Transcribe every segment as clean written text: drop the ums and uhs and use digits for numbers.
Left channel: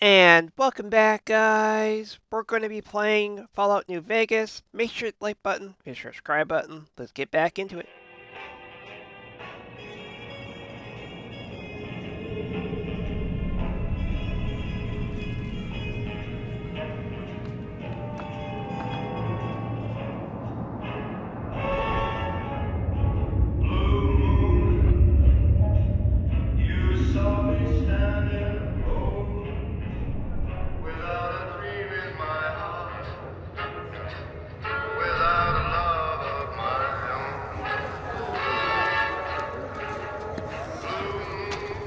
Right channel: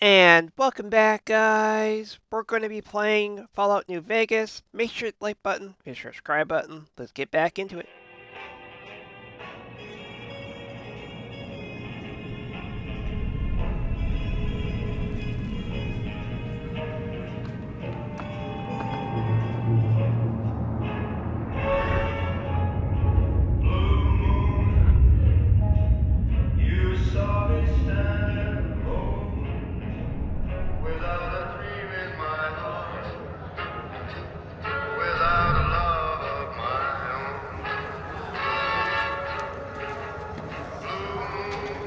And welcome back, guys. We're going to be playing Fallout New Vegas. Make sure to like button, hit the subscribe button. Let's get back into it. You saw me standing alone, without a dream in my heart, without a love of my own. Blue moon,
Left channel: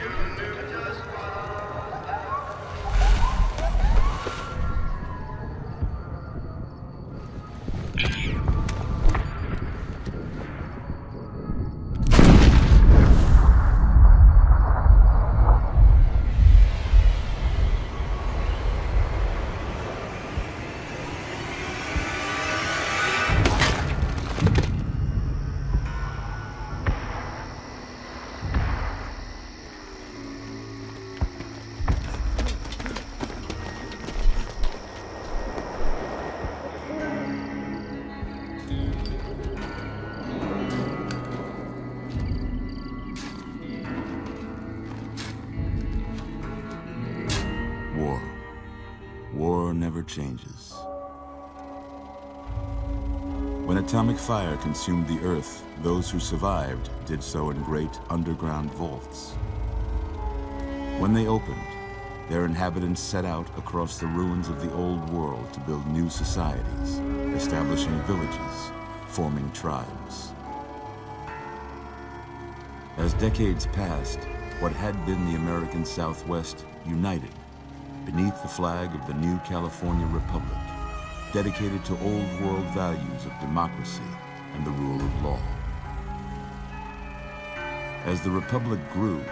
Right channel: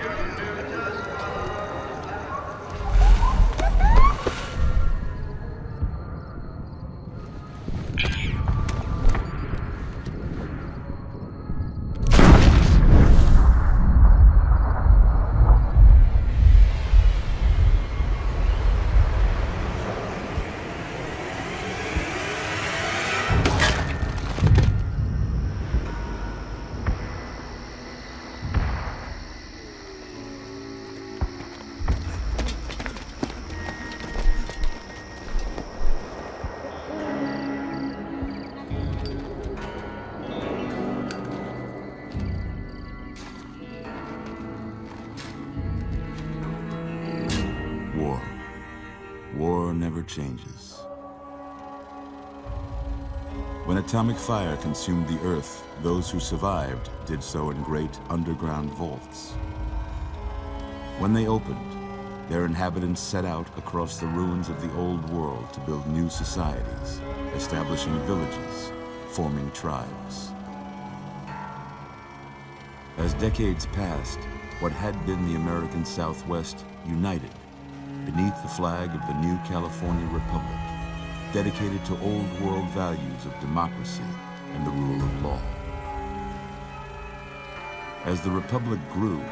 you knew just what War. War never changes. When atomic fire consumed the Earth, those who survived did so in great underground vaults. When they opened, their inhabitants set out across the ruins of the old world to build new societies, establishing villages, forming tribes. As decades passed, what had been the American Southwest united beneath the flag of the new California Republic, dedicated to old world values of democracy and the rule of law. As the Republic grew,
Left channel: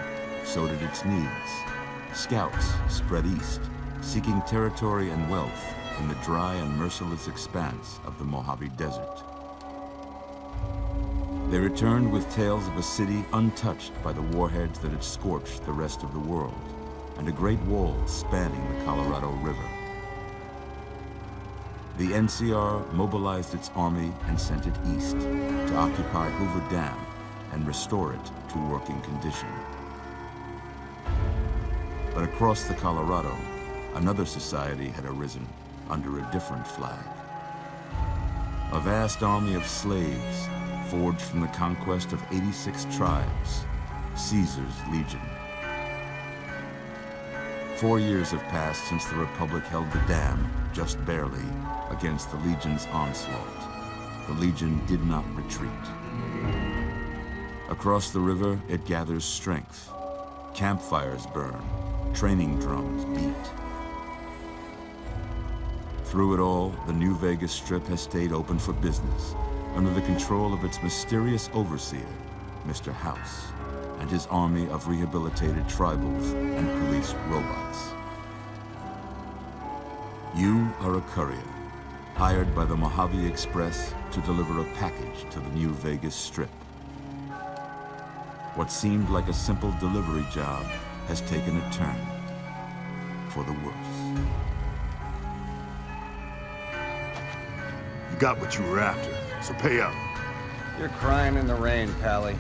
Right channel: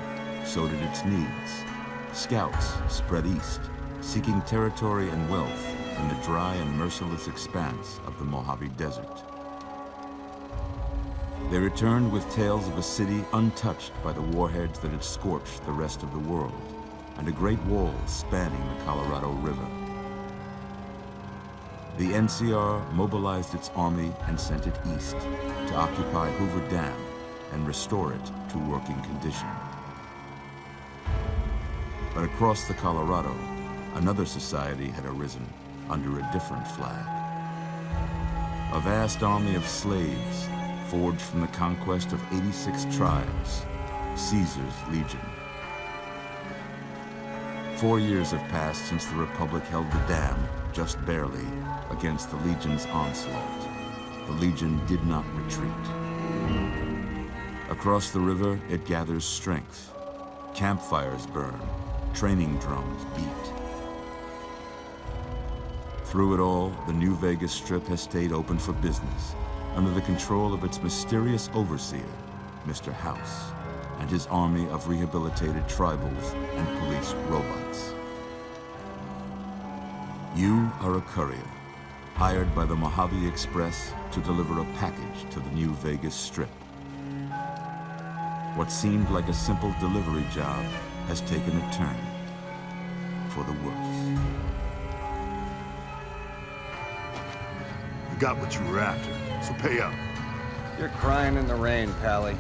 so did its needs. Scouts spread east, seeking territory and wealth in the dry and merciless expanse of the Mojave Desert. They returned with tales of a city untouched by the warheads that had scorched the rest of the world, and a great wall spanning the Colorado River. The NCR mobilized its army and sent it east to occupy Hoover Dam and restore it to working condition. But across the Colorado, another society had arisen under a different flag. A vast army of slaves forged from the conquest of 86 tribes, Caesar's Legion. 4 years have passed since the Republic held the dam, just barely, against the Legion's onslaught. The Legion did not retreat. Across the river, it gathers strength. Campfires burn, training drums beat. Through it all, the New Vegas Strip has stayed open for business, under the control of its mysterious overseer, Mr. House, and his army of rehabilitated tribals and police robots. You are a courier, hired by the Mojave Express to deliver a package to the New Vegas Strip. What seemed like a simple delivery job has taken a turn for the worse. You got what you were after, so pay up. You're crying in the rain, Pally.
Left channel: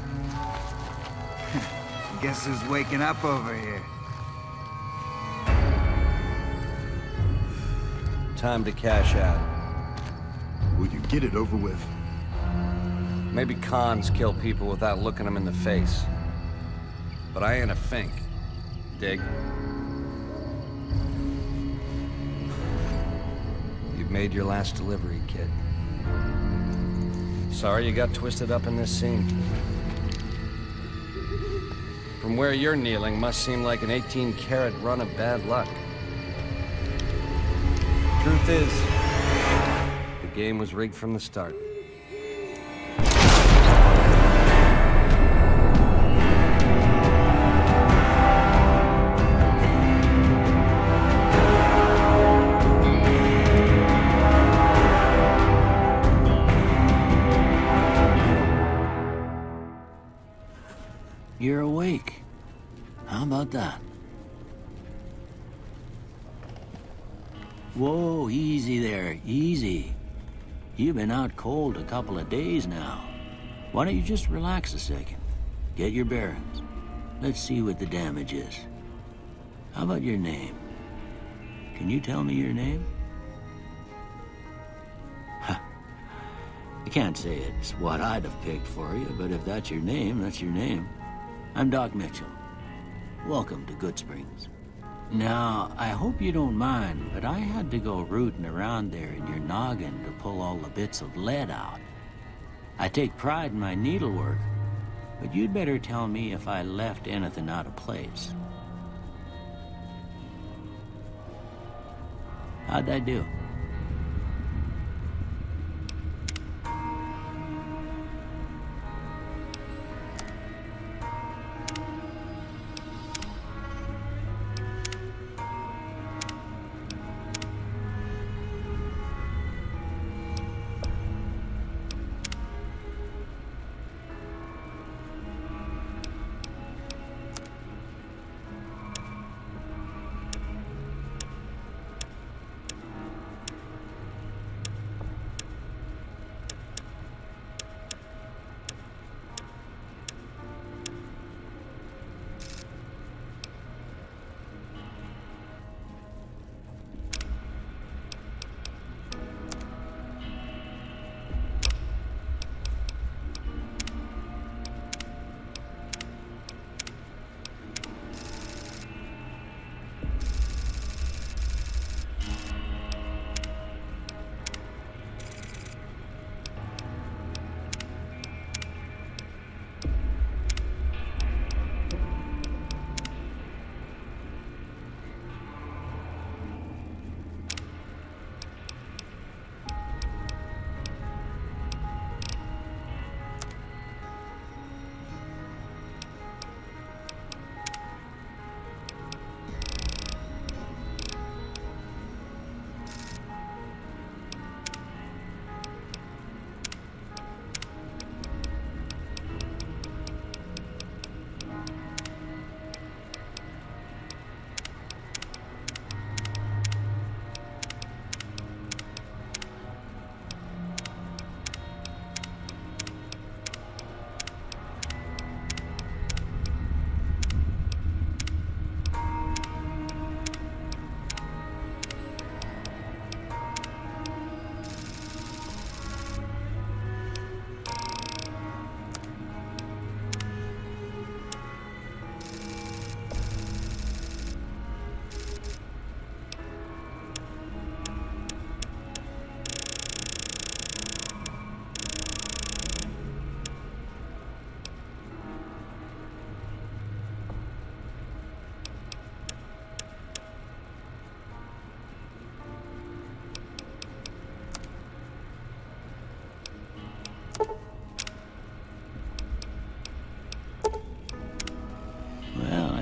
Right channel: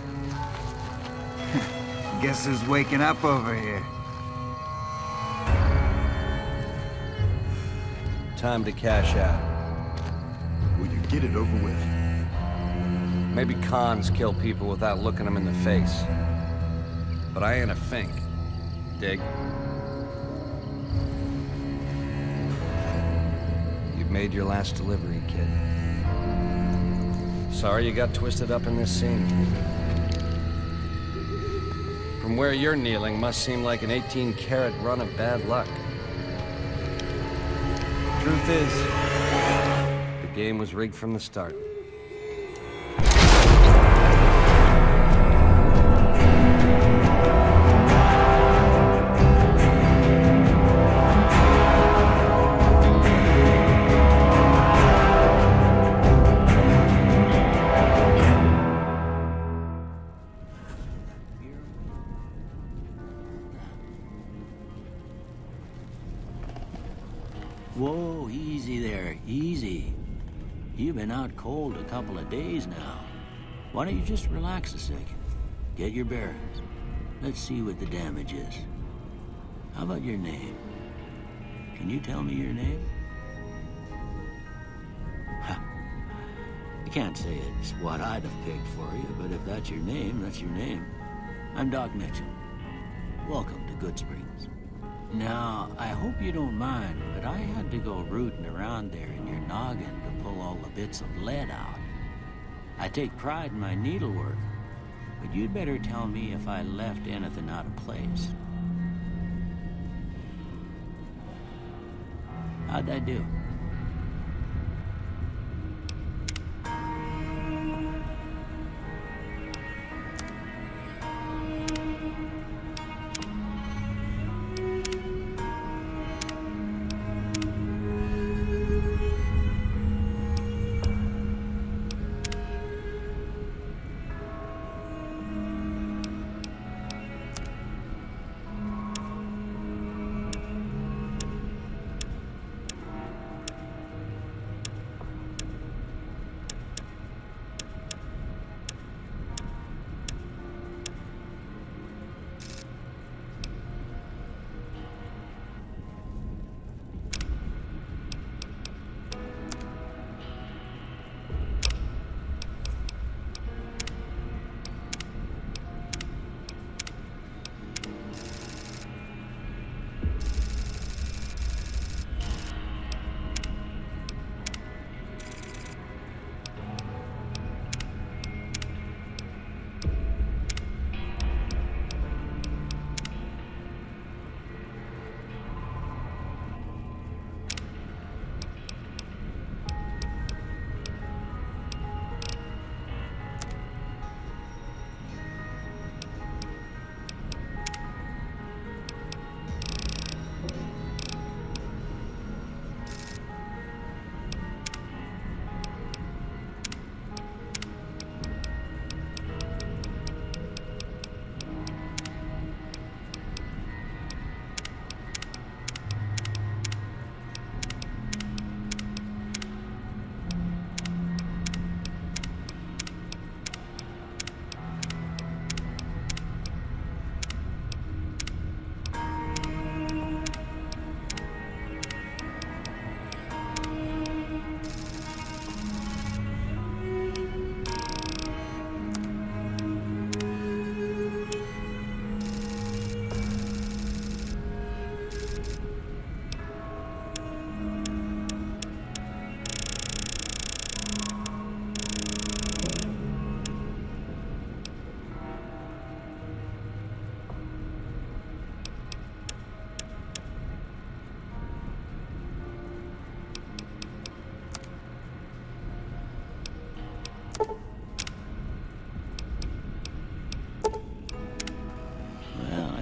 Guess who's waking up over here? Time to cash out. Will you get it over with? Maybe cons kill people without looking them in the face. But I ain't a fink. Dig? You've made your last delivery, kid. Sorry you got twisted up in this scene. From where you're kneeling must seem like an 18-carat run of bad luck. Truth is, the game was rigged from the start. You're awake. How about that? Whoa, easy there, easy. You've been out cold a couple of days now. Why don't you just relax a second? Get your bearings. Let's see what the damage is. How about your name? Can you tell me your name? Ha. I can't say it's what I'd have picked for you, but if that's your name, that's your name. I'm Doc Mitchell. Welcome to Goodsprings. Now, I hope you don't mind, but I had to go rooting around there in your noggin to pull all the bits of lead out. I take pride in my needlework, but you'd better tell me if I left anything out of place. How'd I do?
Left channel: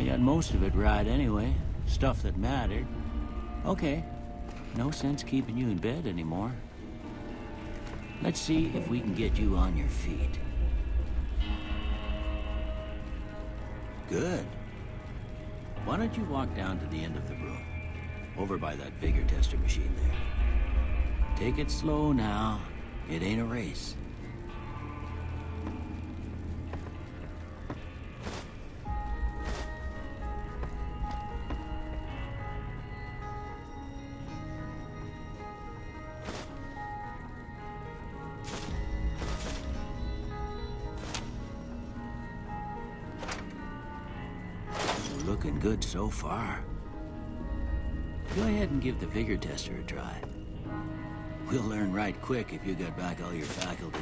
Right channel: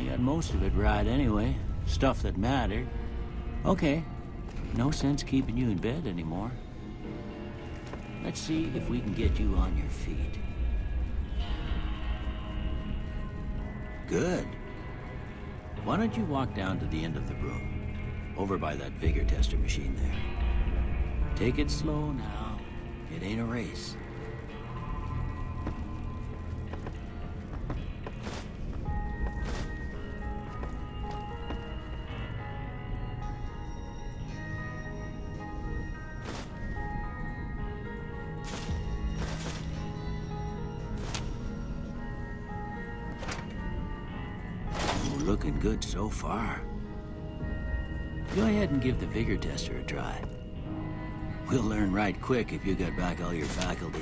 Got most of it right anyway. Stuff that mattered. Okay. No sense keeping you in bed anymore. Let's see if we can get you on your feet. Good. Why don't you walk down to the end of the room? Over by that vigor tester machine there. Take it slow now. It ain't a race. We'll learn right quick if you get back out here.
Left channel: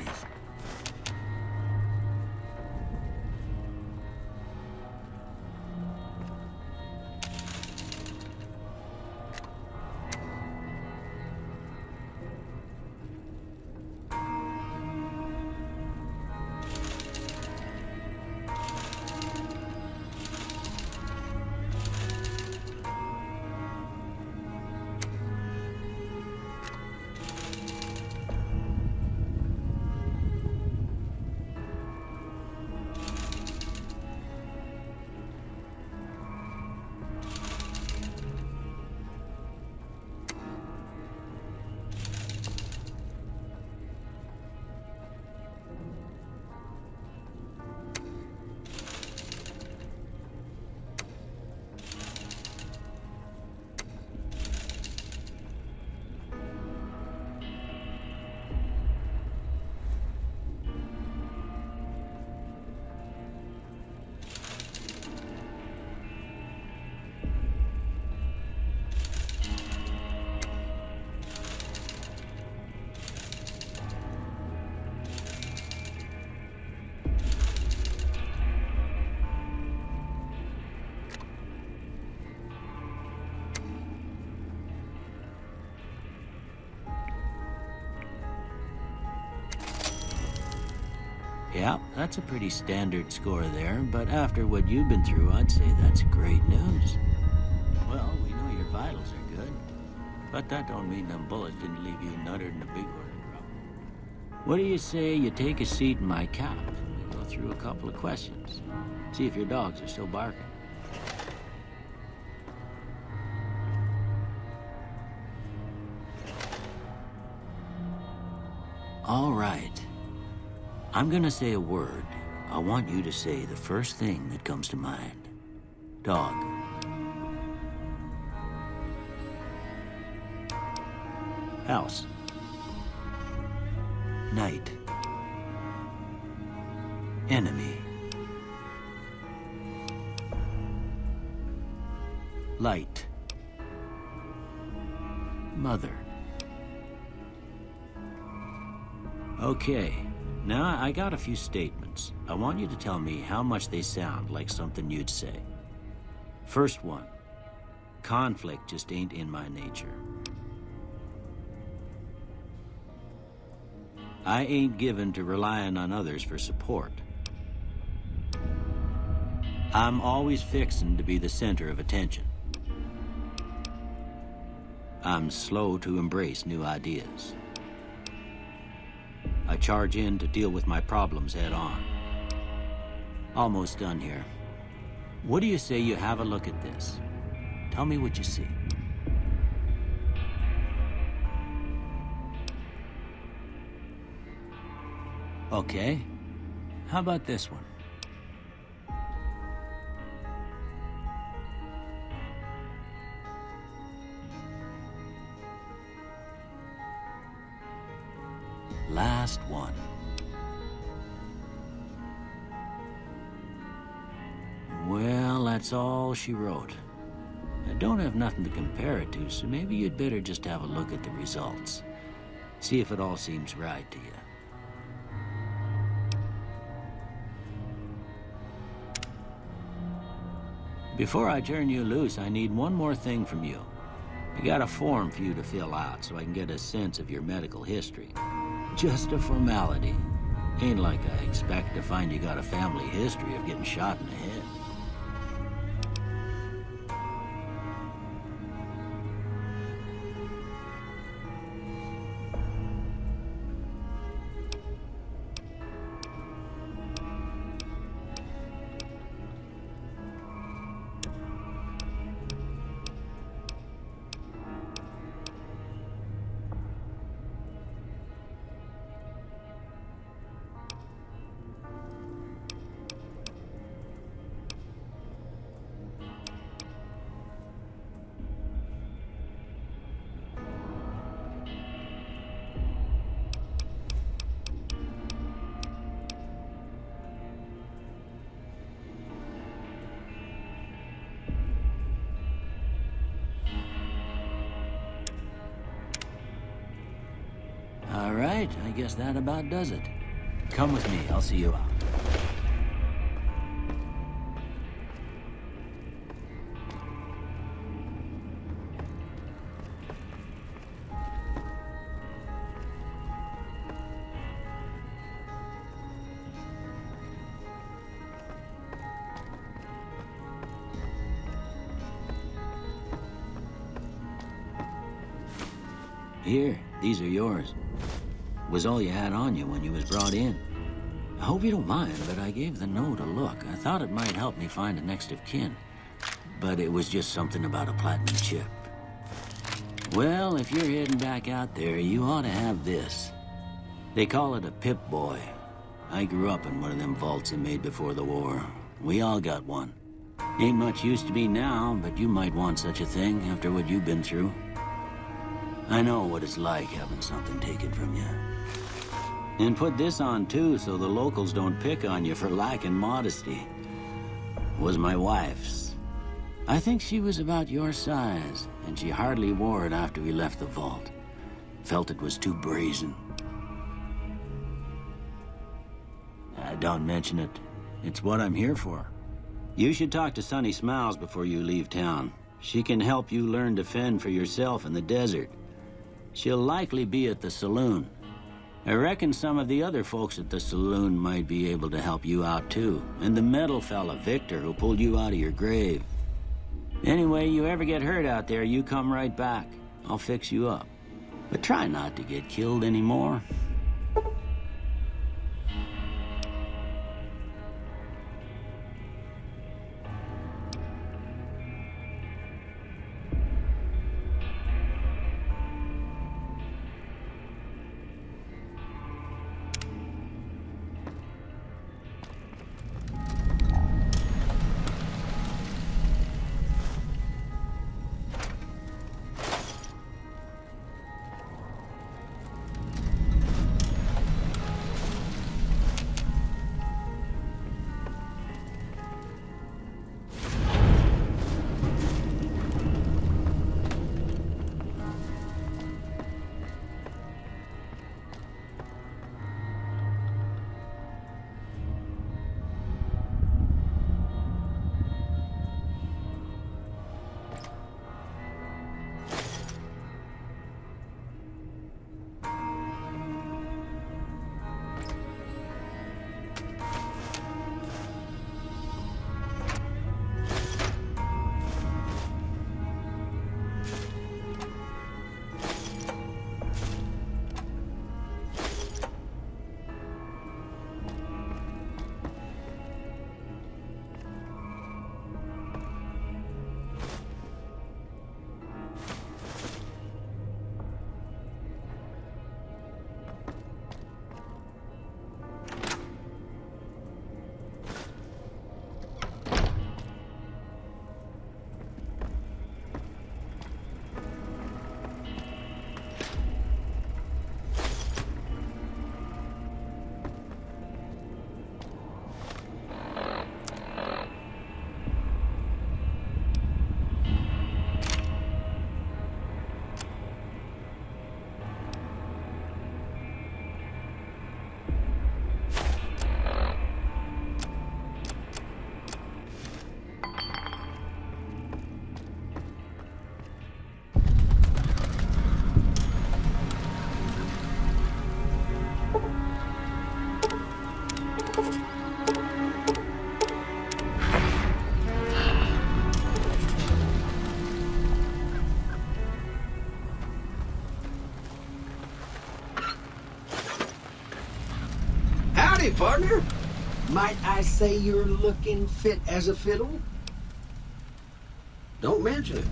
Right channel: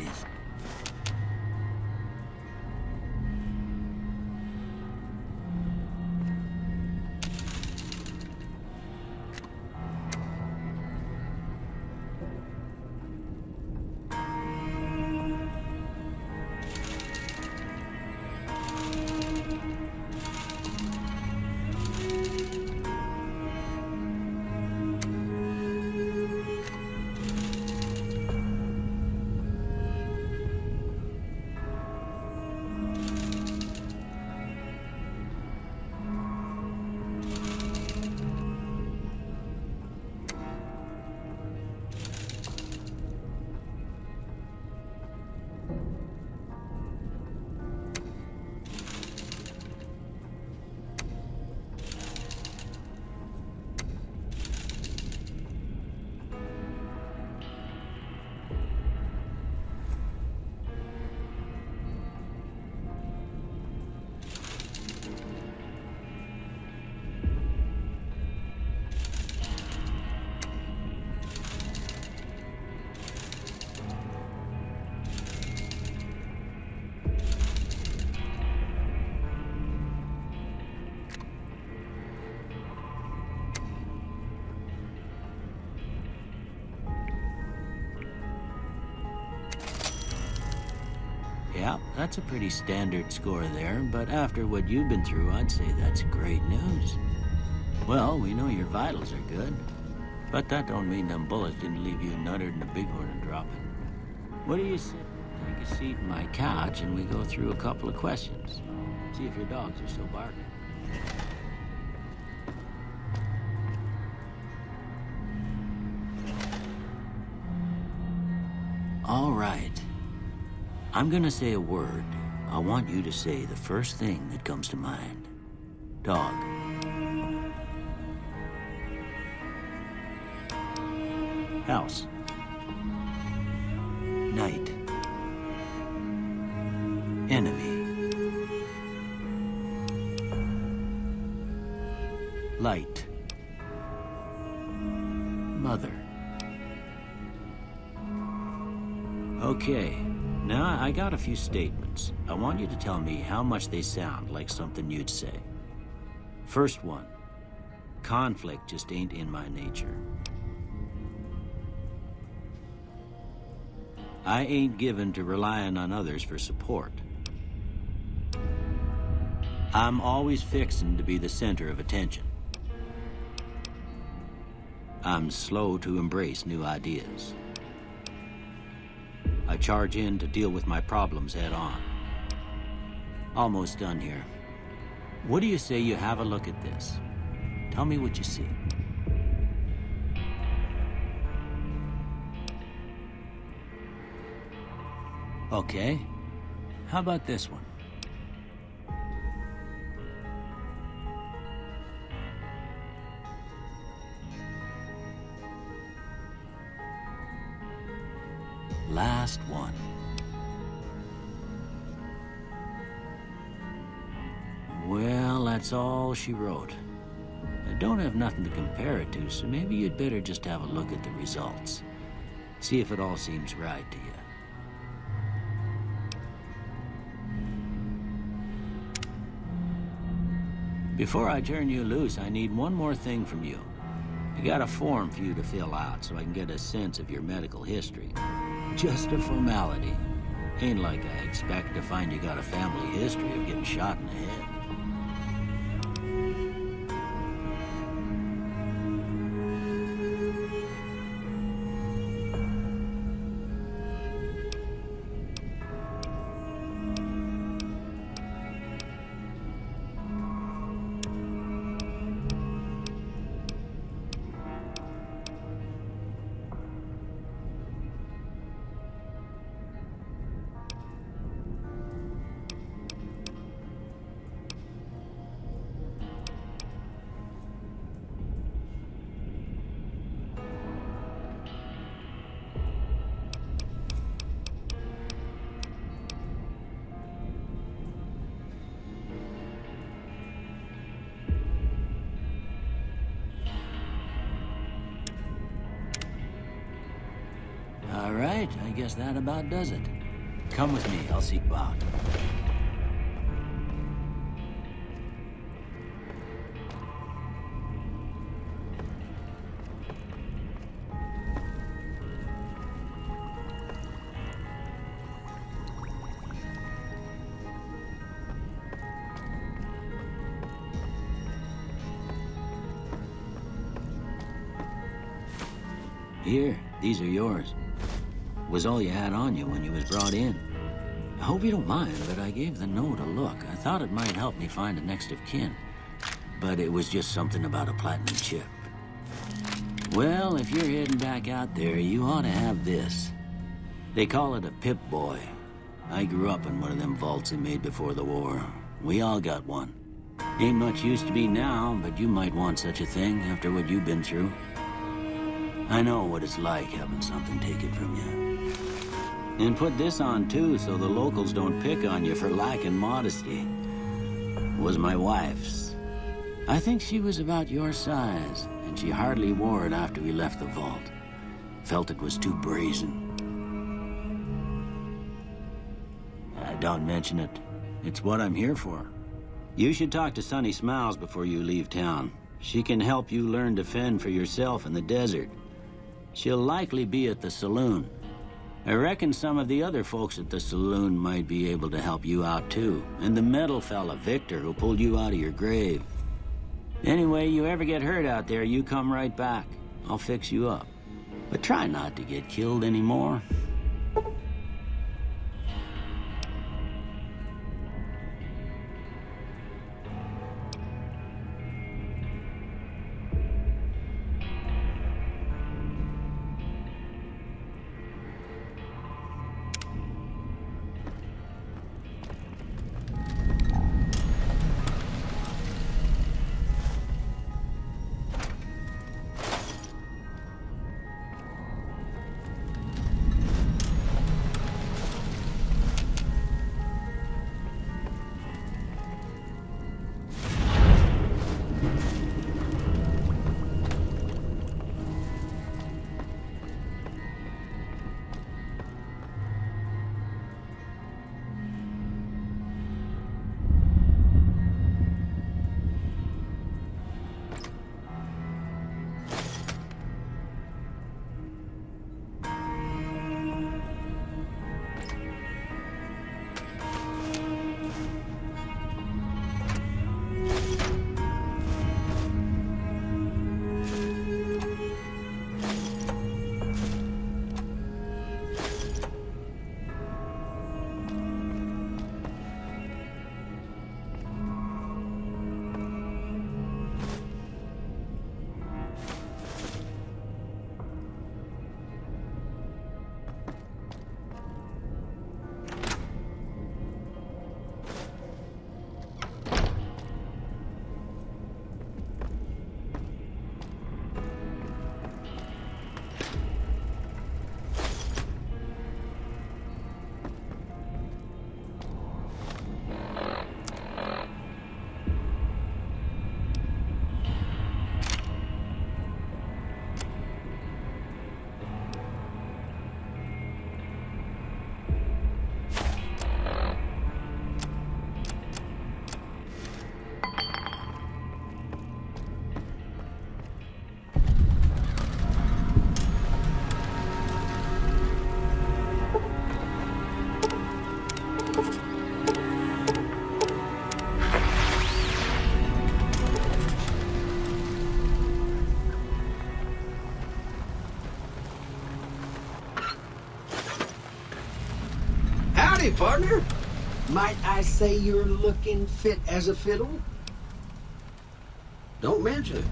Yeah, that's a pretty standard score there, but after what you've been through, I'd say that's great news. Well, we know your vitals are good, but that don't mean them bullets didn't leave you nothing but big one to drop it. What do you say you take a seat in my couch and we go through a couple of questions? See if your dogs are still barking. All right. I'm gonna say a word. I want you to say the first thing that comes to mind. Dog. House. Night. Enemy. Light. Mother. Okay, now I got a few statements. I want you to tell me how much they sound like something you'd say. First one, conflict just ain't in my nature. I ain't given to relying on others for support. I'm always fixin' to be the center of attention. I'm slow to embrace new ideas. I charge in to deal with my problems head on. Almost done here. What do you say you have a look at this? Tell me what you see. Okay. How about this one? Last one. Well, that's all she wrote. I don't have nothing to compare it to, so maybe you'd better just have a look at the results. See if it all seems right to you. Before I turn you loose, I need one more thing from you. I got a form for you to fill out so I can get a sense of your medical history. Just a formality. Ain't like I expect to find you got a family history of getting shot in the head. All right, I guess that about does it. Come with me, I'll see you out. Here, these are yours. Was all you had on you when you was brought in. I hope you don't mind, but I gave the note a look. I thought it might help me find a next of kin. But it was just something about a platinum chip. Well, if you're heading back out there, you ought to have this. They call it a Pip-Boy. I grew up in one of them vaults they made before the war. We all got one. Ain't much use to be now, but you might want such a thing after what you've been through. I know what it's like having something taken from you. And put this on, too, so the locals don't pick on you for lacking modesty. Was my wife's. I think she was about your size, and she hardly wore it after we left the vault. Felt it was too brazen. Don't mention it. It's what I'm here for. You should talk to Sunny Smiles before you leave town. She can help you learn to fend for yourself in the desert. She'll likely be at the saloon. I reckon some of the other folks at the saloon might be able to help you out too. And the metal fella, Victor, who pulled you out of your grave. Anyway, you ever get hurt out there, you come right back. I'll fix you up. But try not to get killed anymore. Howdy, partner. Might I say you're looking fit as a fiddle? Don't mention it.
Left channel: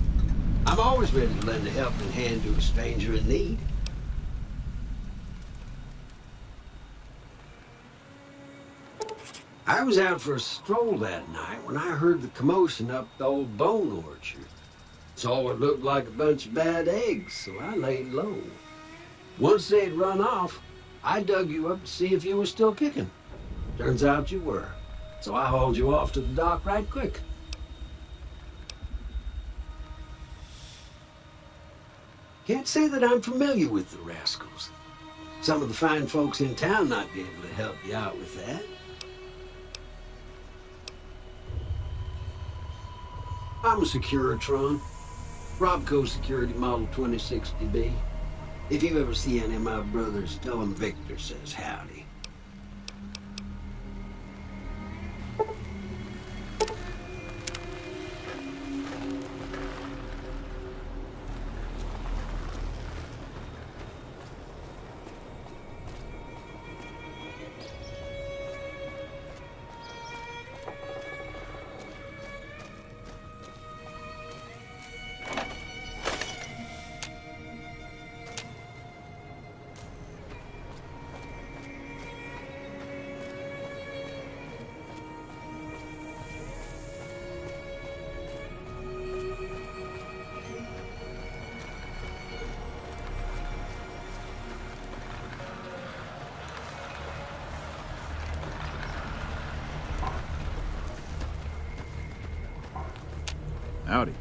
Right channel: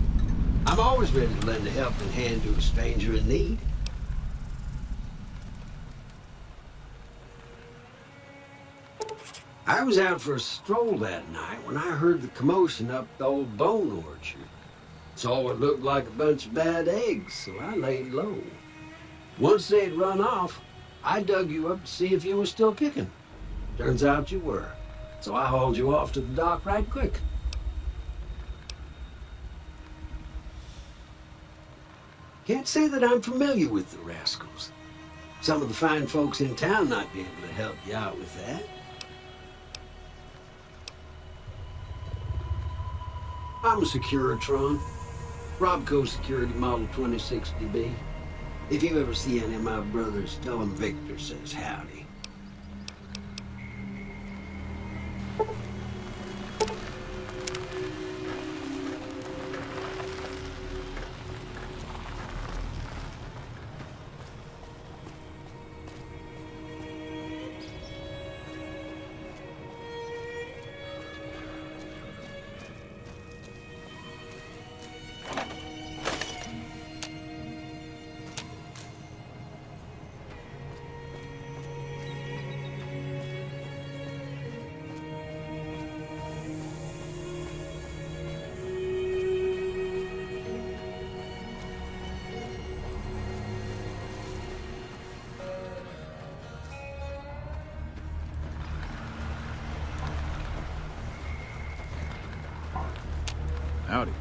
I'm always ready to lend a helping hand to a stranger in need. I was out for a stroll that night when I heard the commotion up the old bone orchard. Saw what looked like a bunch of bad eggs, so I laid low. Once they'd run off, I dug you up to see if you were still kicking. Turns out you were, so I hauled you off to the dock right quick. Can't say that I'm familiar with the rascals. Some of the fine folks in town might be able to help you out with that. I'm a Securitron. Robco Security Model 2060B. If you ever see any of my brothers, tell them Victor says howdy. Howdy.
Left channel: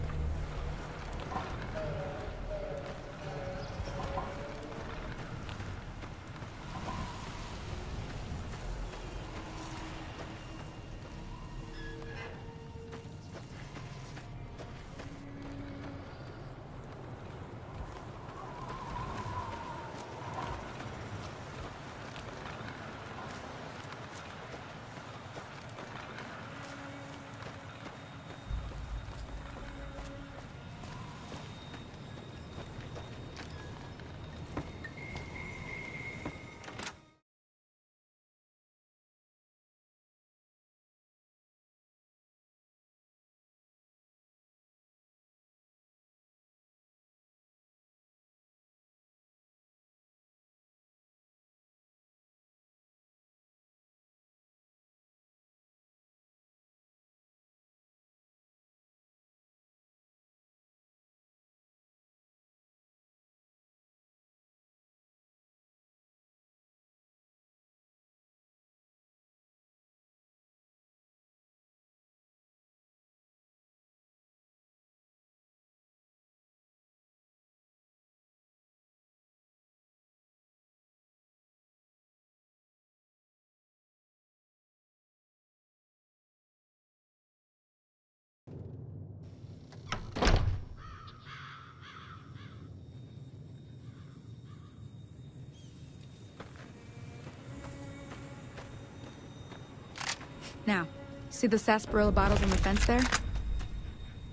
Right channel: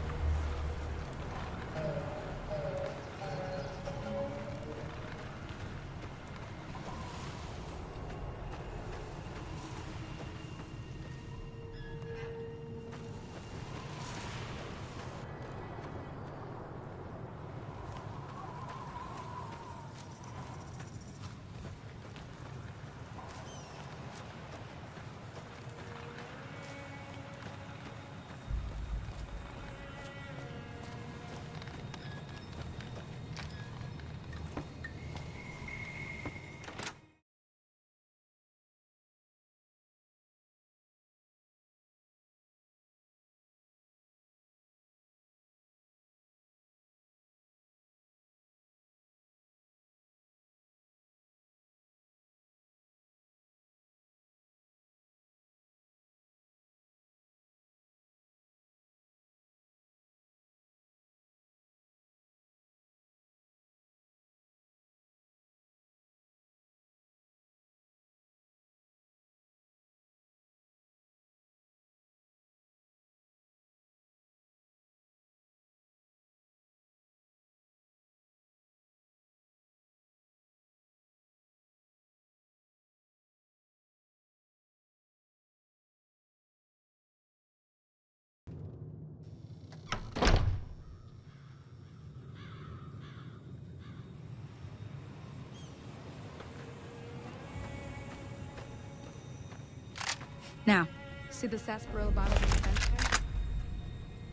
Now, see the sarsaparilla bottles on the fence there?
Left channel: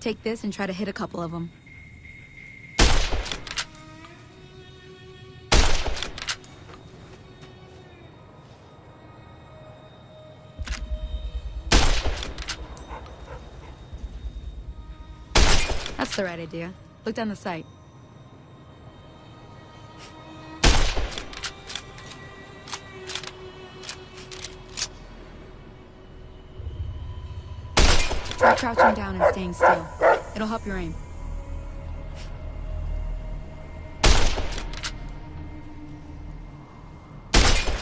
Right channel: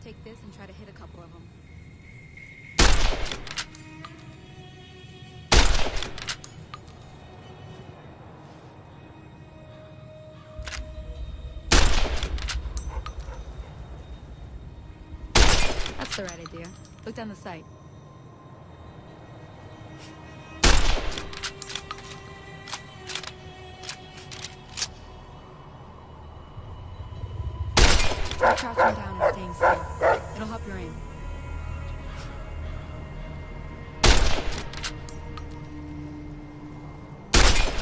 Take this and try to hit a couple of them. That's the right idea. Look down the sight. Try crouching down and staying still. It'll help your aim.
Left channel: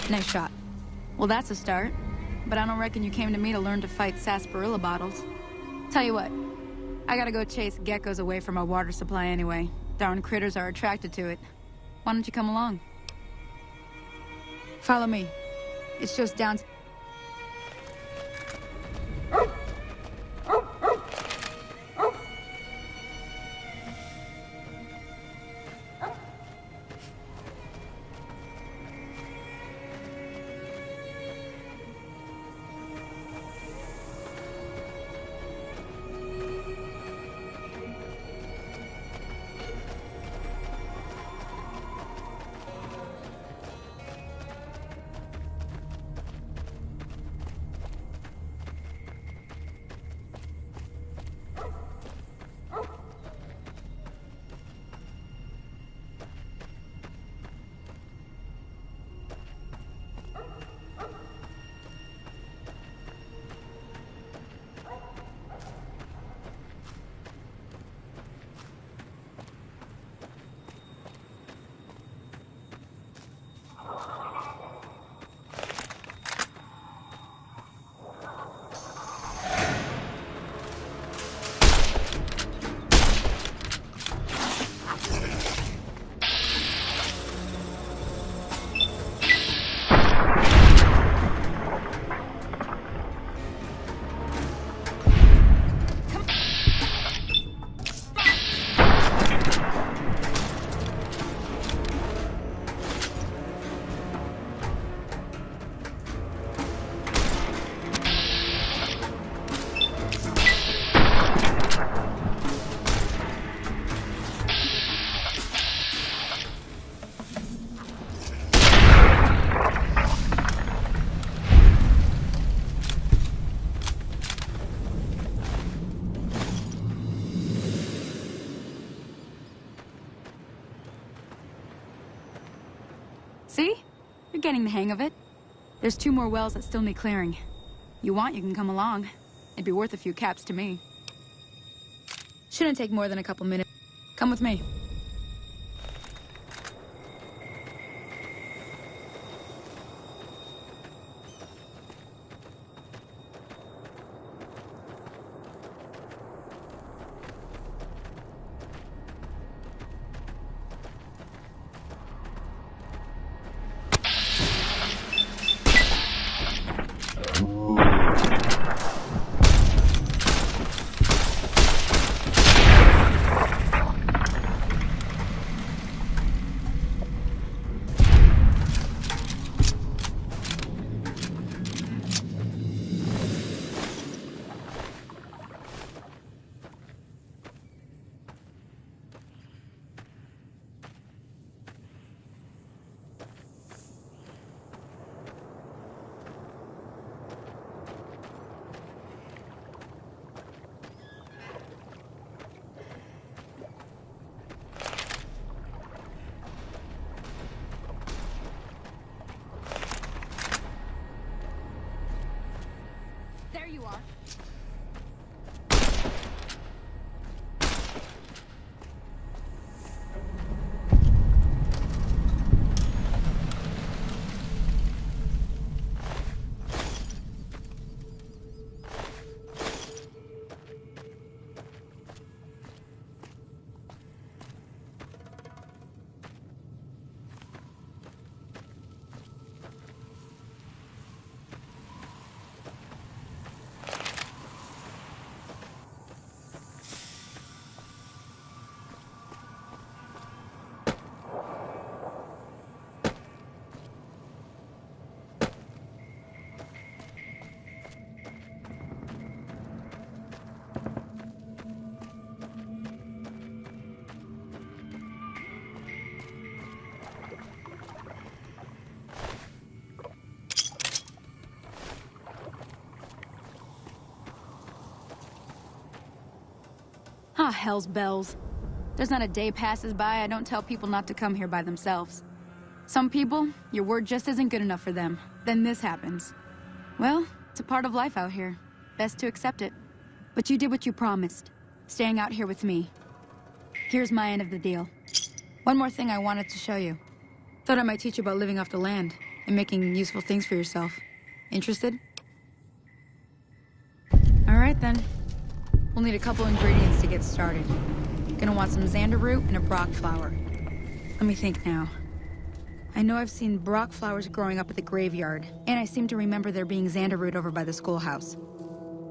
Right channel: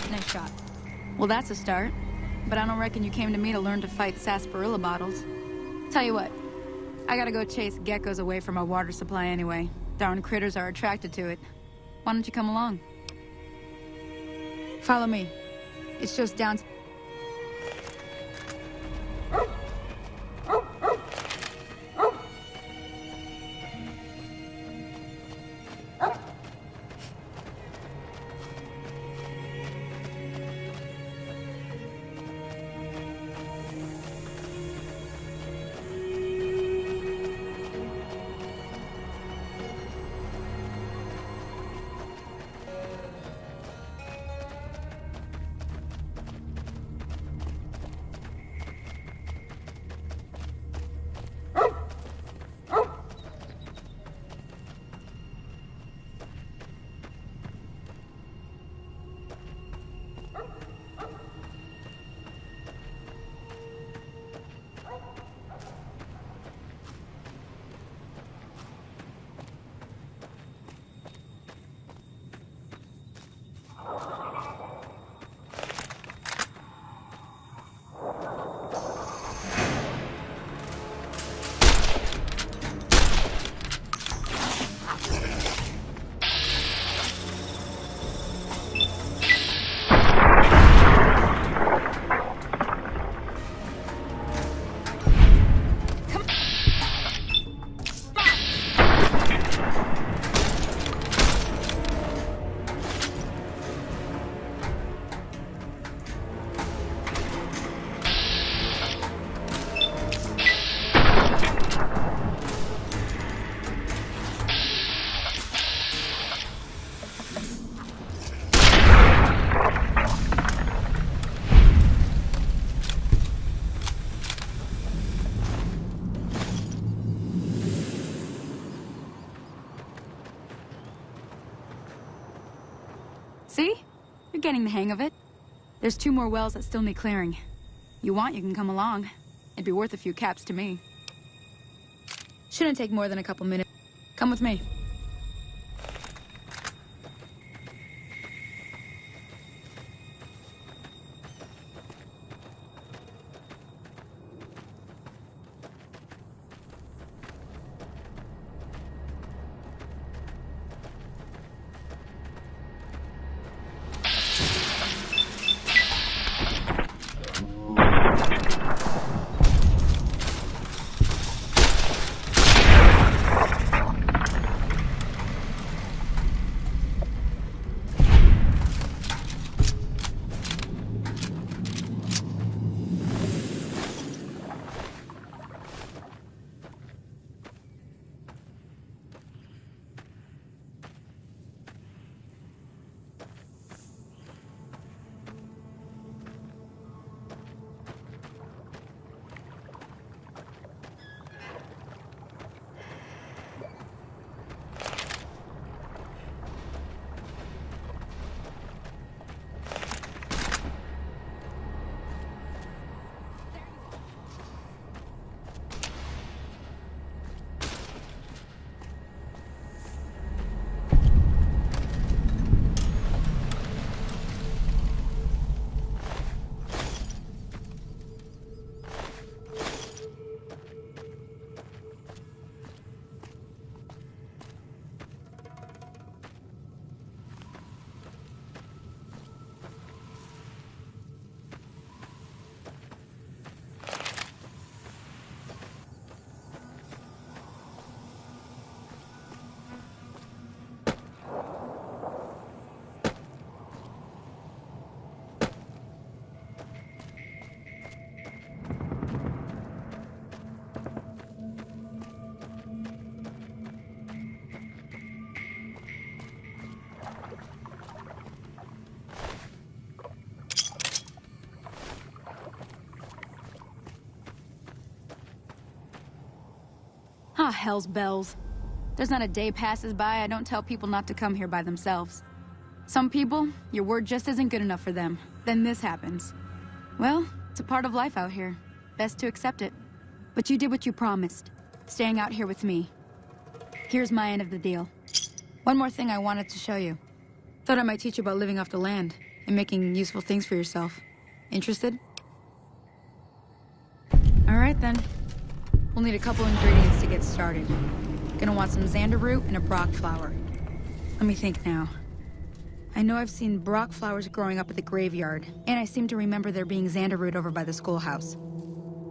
Nice shot. Well, that's a start. But I don't reckon you came to me to learn to fight sarsaparilla bottles. Tell you what, I gotta go chase geckos away from our water supply anyway. Darn critters are attracted to it. Why don't you come along? Follow me. It's just down... See? You're getting the hang of it. There's 2 more wells that still need clearing. You want, you can come along. It'd be worth a few caps to me. Shouldn't take more than a couple minutes. Come with me. hell's bells. There's not a day passes by I don't tell people not to come here by themselves. Some people, your word just isn't good enough for them. Then this happens. Well, it's a part of life out here. Best to accept it. But you did what you promised, staying out here with me. Here's my end of the deal. One more thing I wanted to show you. Thought I might teach you about living off the land and making useful things for yourself. Interested? All right then. We'll need a couple ingredients to get started. Gonna want some xander root and a brock flower. Let me think now. I know I've seen brock flowers growing up at the graveyard, and I seem to remember there being xander root over by the schoolhouse.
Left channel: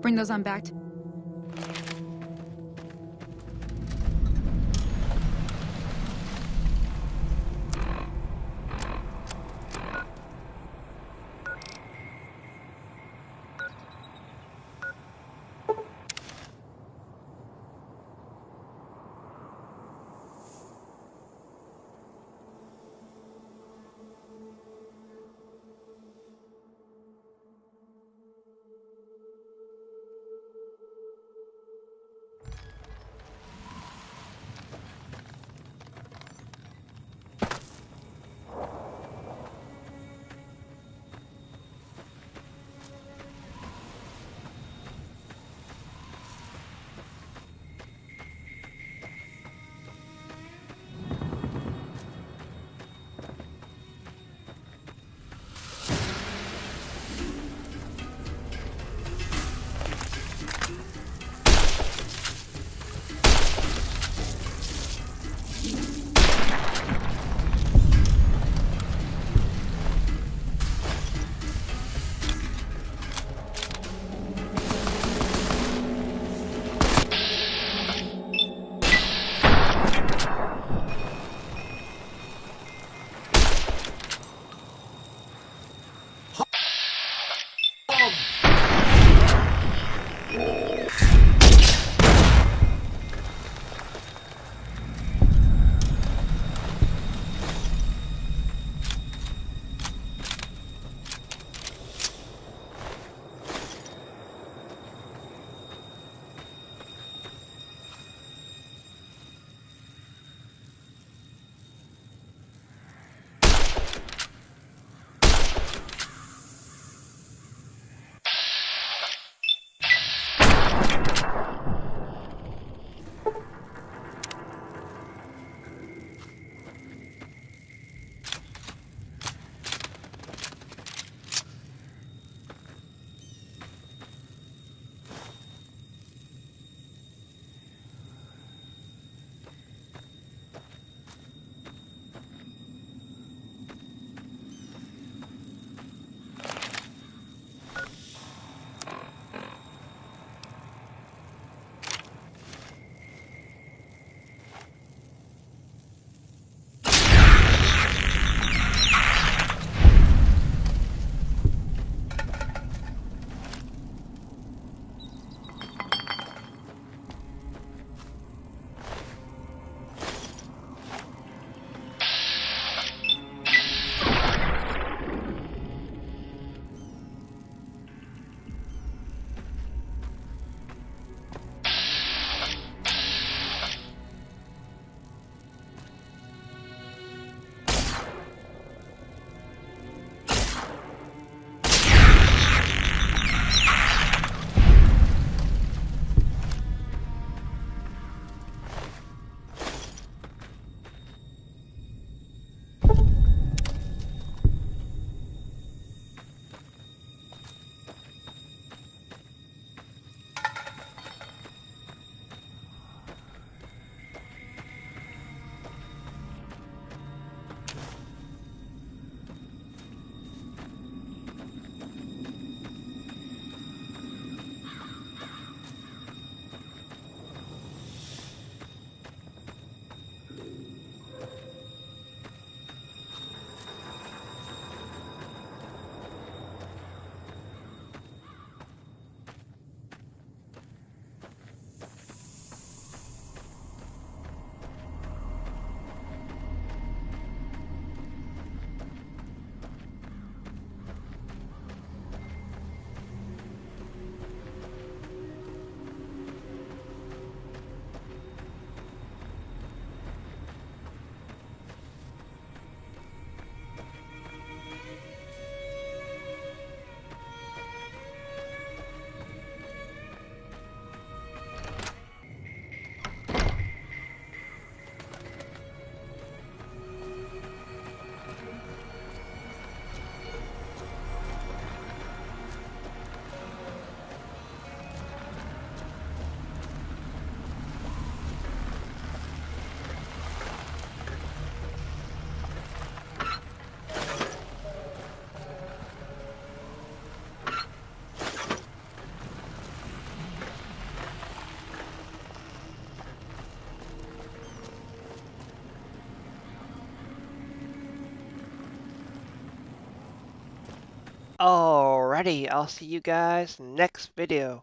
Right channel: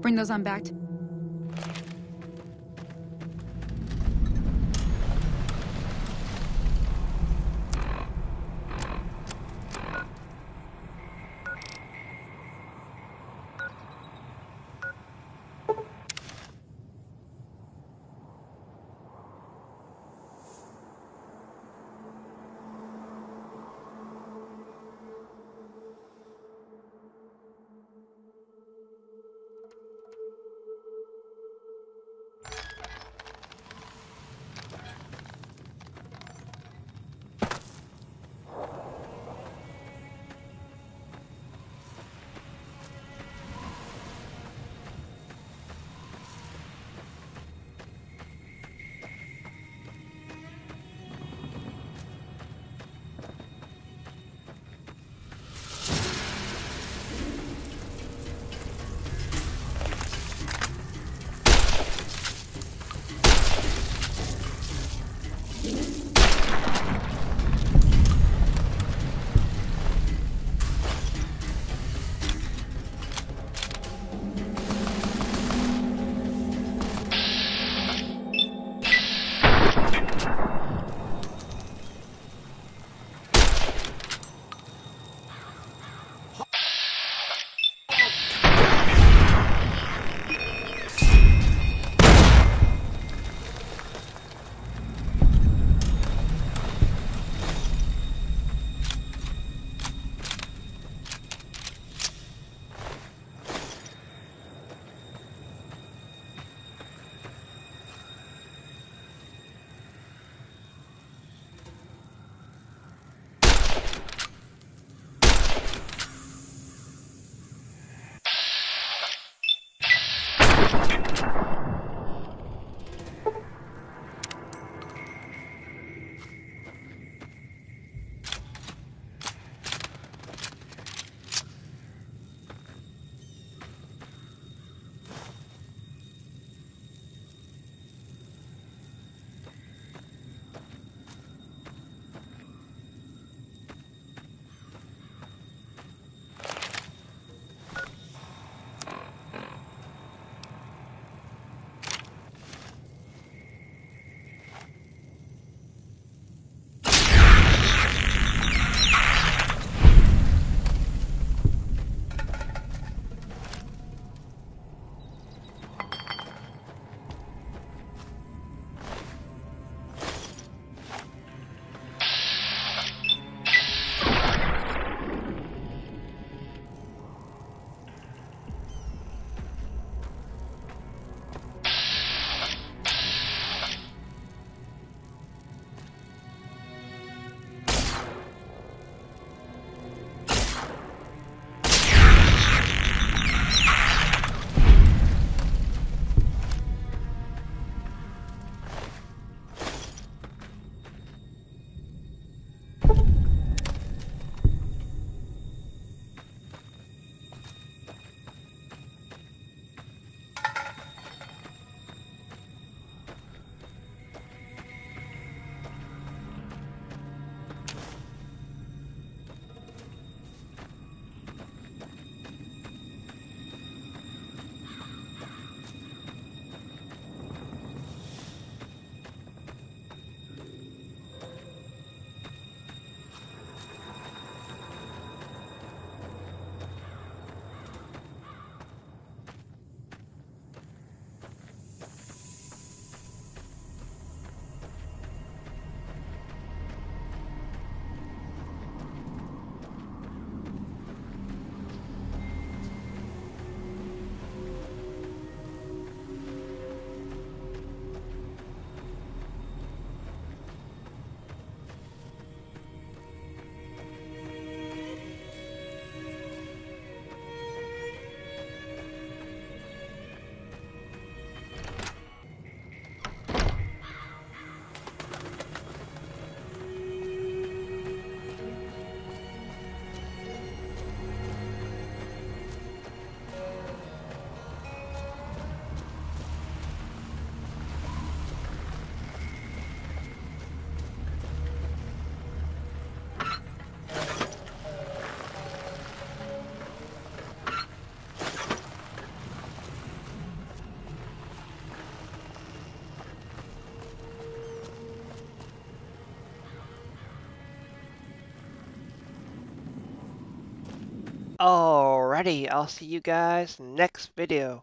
Bring those on back to... Alrighty, I'll see you guys next video.